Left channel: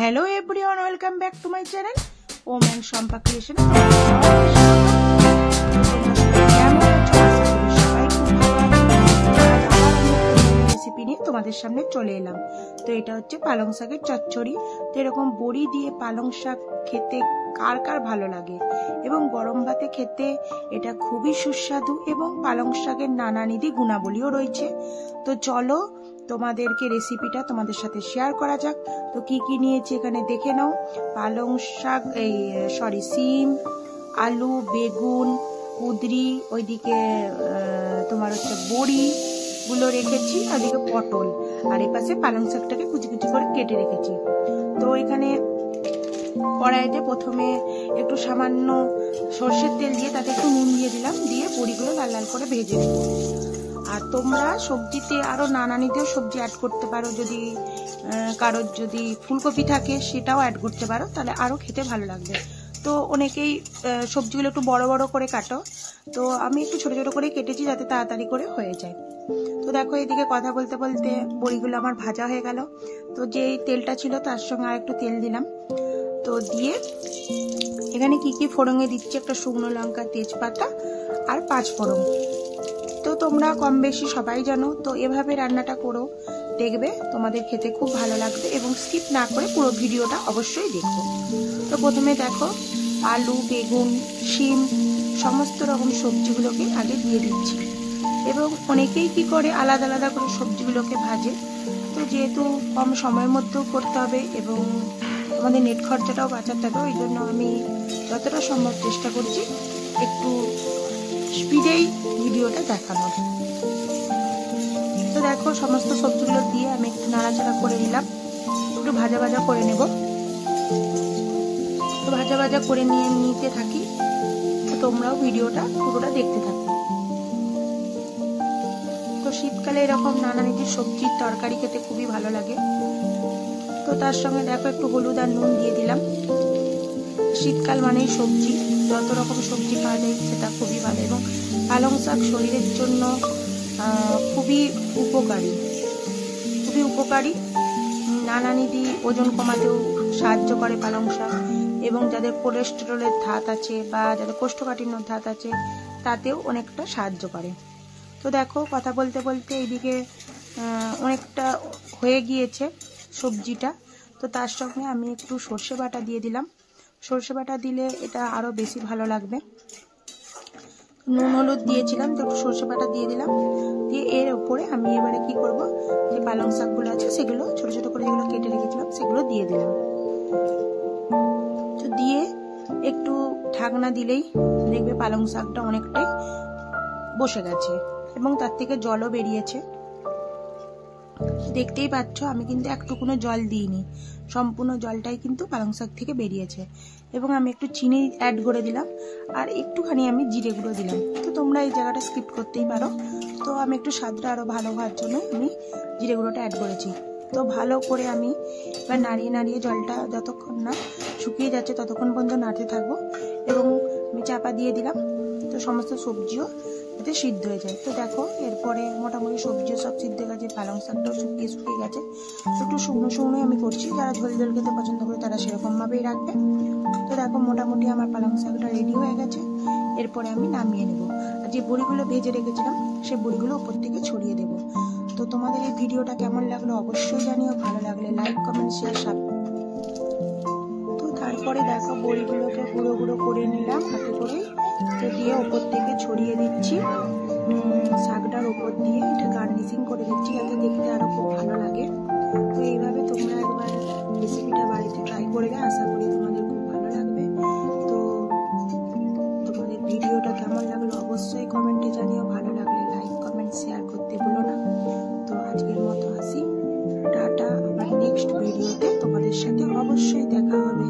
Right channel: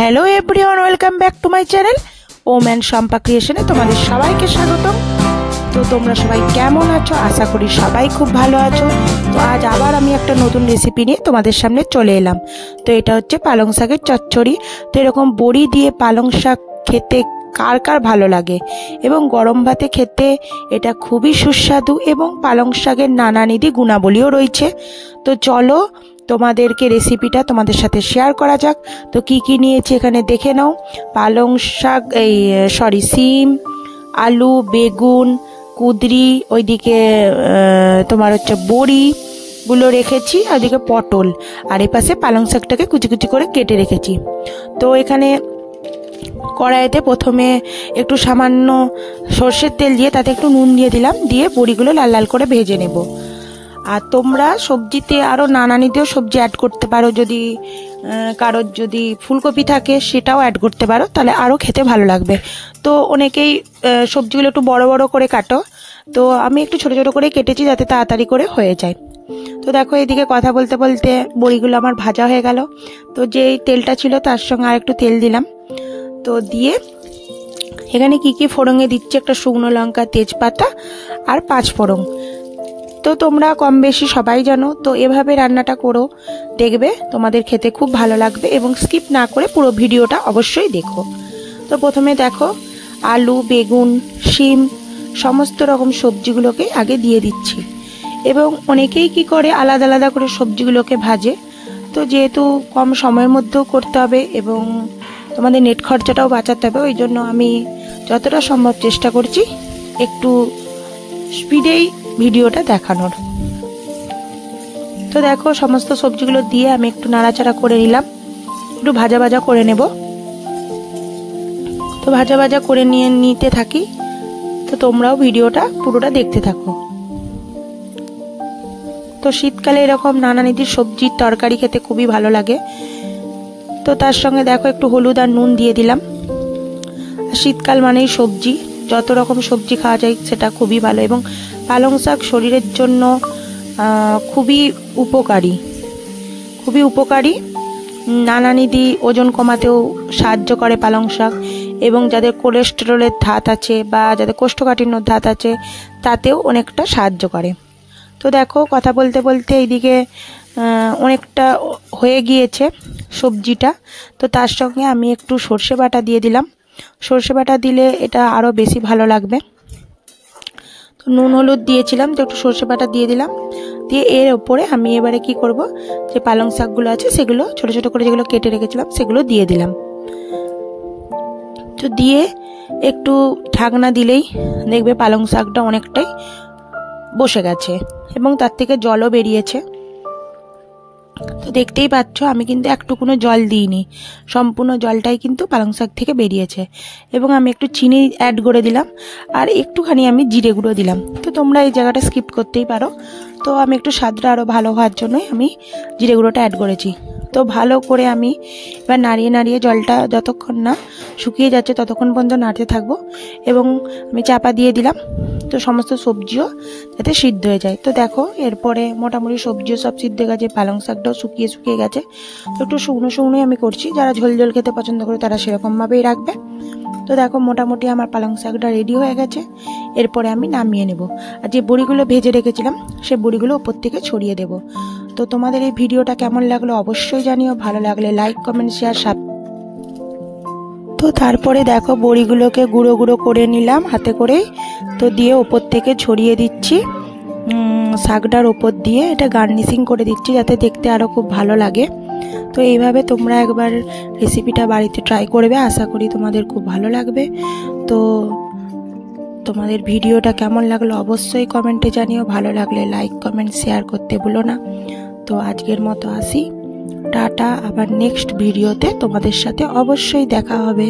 Hello everyone, welcome back to my channel Om and Shampa ক্রিয়েশনে তোমাদের সবাইকে স্বাগত। তো তোমরা সবাই কেমন আছো? আশা করি সবাই খুব ভালো আছো। তো আজ আবার আমি একটা নতুন রেসিপি নিয়ে তোমাদের সামনে চলে এলাম। তো এটা হচ্ছে পালং শাকের চচ্চড়ি। তো এরকম বড়ি দিয়ে পালং শাক খেতে কার কার ভালো লাগে, এবং গরম ভাতে খেতে এটা খুবই সুস্বাদু এবং পালং শাকের নানানিধি গুণাবলীও রয়েছে। তো চলো তোমাদেরকে রেসিপিটা তোমাদের সাথে শেয়ার করা যাক। তো কি কি নিয়েছি এখানে দেখে নাও। পালং শাক, সিম, আলু, বেগুন, কুঁদরি, ওইদিকে তোমার হচ্ছে বড়িগুলো রেখেছি, আর ওইদিকে পটল, আর এই পাশে পালং শাকটাকে কুচি কুচি করে কেটে রেখেছি। তো এখানে কড়াইতে প্রথমে একটু সামান্য সর্ষের তেল দিয়ে তাতে একটু নুন দিয়ে দিলাম, দিয়ে বড়িগুলো লাল লাল করে ভেজে নেব। আর তোমরা সবজিতে আরও নানানিতেও সবজি অ্যাড করতে পারো, যদি কারোর যদি ফুলকপি থাকে সেটাও অ্যাড করতে পারো, তাহলে আরও খেতে ভালো লাগবে। তো অনেকেই সবজিগুলো একটু বড় বড় করে কাটো, তো আমি একটু ছোট ছোট করে কেটেছি যাতে তাড়াতাড়ি করে হয়ে যায়। তো দেখো এদিকে কথা বলতে বলতে বড়িগুলো আমার ভাজা হয়ে গেল। তো যেই তেলটা ছিল তার সঙ্গে আর একটু তেল দিলাম। তো দিয়ে এখানে কি কি ফোড়ঙে দিচ্ছি, একটা শুকনো লঙ্কা, তেজপাতা আর 5 ফোড়ন। তো তোমরা কম বেশি সবাই জানো, তো এভাবে রান্নাটা করো, দেখবে তোমাদের খেতে খুব ভালো লাগবে, এবং স্কিপ না করে পুরো ভিডিওটা অবশ্যই দেখো। তো প্রথমে দেখো আলু, বেগুন, শিম সমস্ত রকম সবজিগুলোকে আগে দিয়ে দিচ্ছি, এবং অনেকেই কি করে আলাদা আলাদা করে সবজিগুলোকে ভাজে। তো যেহেতু কম সময়ের মধ্যেও করতে হবে এবং তোমাদের নেট খরচাটাও বাঁচাতে হবে, ওই জন্য আমি যতটা সম্ভব চেষ্টা করছি একটু স্পিডেই ভিডিওটা দেখানোর। তো দেখো সমস্ত সবজিগুলো দিয়ে আমি একটু নাড়াচাড়া করে নিলাম, একটু ভাজা ভাজা করে নেব। তো ভাজা ভাজা করে নিতে থাকি। তো তোমরাও ভিডিওটা পুরোটা দেখতে থাকো। তো শীতকালে এরকম নানানিধির সবজির তরকারি খেতে খুবই ভালো লাগে। তো তার সঙ্গে দেখো একটু হলুদ আর নুন দিয়ে দিলাম। শীতকাল মানেই সবজি, যত রকম সবজি খাওয়া যায় সেটা খুবই ভালো, এবং পালং শাক শরীরের জন্য খুবই উপকারী। নানানিধি ওজন কমাতেও সাহায্য করে পালং শাক, এবং যাদের কোলেস্টেরলের ধাত আছে বা যাদের কোষ্ঠকাঠিন্যর ধাত আছে তাতেও অনেকটা সাহায্য করে। তো দেখো কথা বলতে বলতে এইদিকে অনেকটা হয়ে গিয়েছে সবজিটা। তো তার সঙ্গে আমি একটু সর্ষে বাটা দিয়ে দিলাম। সর্ষে বাটা দিলে এটা আরও বেশি ভালো লাগবে। তো নুন হলুদ দিয়েছিলাম, তো একটু সর্ষে বাটা দিয়ে দিলাম। দিয়ে এর ওপরে আমি এবারে কি করব, যে পালং শাকগুলো আছে সেগুলো ছোট ছোট করে যেগুলো কেটে রেখেছিলাম সেগুলো দিয়ে দিলাম। তো দিয়ে একটু ঢাকনা দিলেই দেখবে পালং শাকটা অনেকটাই বসে গেছে এবং তার থেকে জলও বেরিয়েছে। তো দেখতেই পাচ্ছ আমি কিন্তু একটুকুনো জল দিইনি, সম্পূর্ণ জলটাই কিন্তু পালং শাক থেকে বেরিয়েছে। এবং আমি একটু চিনি অ্যাড করে দিলাম, আর একটুখানি আমি জিরে গুঁড়ো দিলাম। তো তোমরা এই জায়গাটা স্কিপ করতেই পারো, তো আমি একটু স্বাদটা আরও ভালো হওয়ার জন্যই আমি জিরে গুঁড়োটা অ্যাড করেছি। তো ভালো করে আমি এবার নাড়িয়ে নাড়িয়ে জলটা যতক্ষণ না শুকিয়ে যাচ্ছে ততক্ষণ পর্যন্ত নাড়তে থাকবো, এবং আমি চাপা দিয়ে দিলাম তো সমস্ত সবজিও যাতে সিদ্ধ হয়ে যায়। তো দেখো এরপরে মোটামুটি সবজিও সব সিদ্ধ হয়ে গেছে, পালং শাকটাও শুকিয়ে গেছে। তো একটু শুকনো শুকনোই আমি করছি, যারা ঝোল ঝোল খেতে পছন্দ করে তারা সেরকমভাবেই রাখবে। তো দেখো মোটামুটি আমার পালং শাকটা রেডি হয়ে গেছে। এরপরে আমি নামিয়ে নেব, আর যে বড়িগুলো ভেজে রেখেছিলাম সে বড়িগুলো ওপর থেকে ছড়িয়ে দেব। তো তোমাদের এই ভিডিওটা কেমন লাগলো অবশ্যই জানিও, ভালো লাগলে লাইক, কমেন্ট, শেয়ার। তো তারপরে দেখো বড়িগুলোকে গুঁড়ো গুঁড়ো করে নিলাম হাতে করেই, তো দিয়ে ওপর থেকে ছড়িয়ে দিচ্ছি শাকটার ওপর দিয়ে, এটা গার্নিশিং করে দিচ্ছি যাতে দেখতে আরও খুব ভালো লাগে। তো এইভাবে তোমরা একবার রেসিপিটা বাড়িতে ট্রাই করবে, আশা করি তোমাদের খুব ভালো লাগবে। তো তোমাদের ভিডিওটা কেমন লাগলো অবশ্যই কমেন্টে জানিও, ভালো লাগলে লাইক, কমেন্ট, শেয়ার করতে ভুলো না। তো আজকের মতো আসি, টাটা। আবার নেক্সট ভিডিওতে তোমাদের সাথে অবশ্যই দেখা হবে।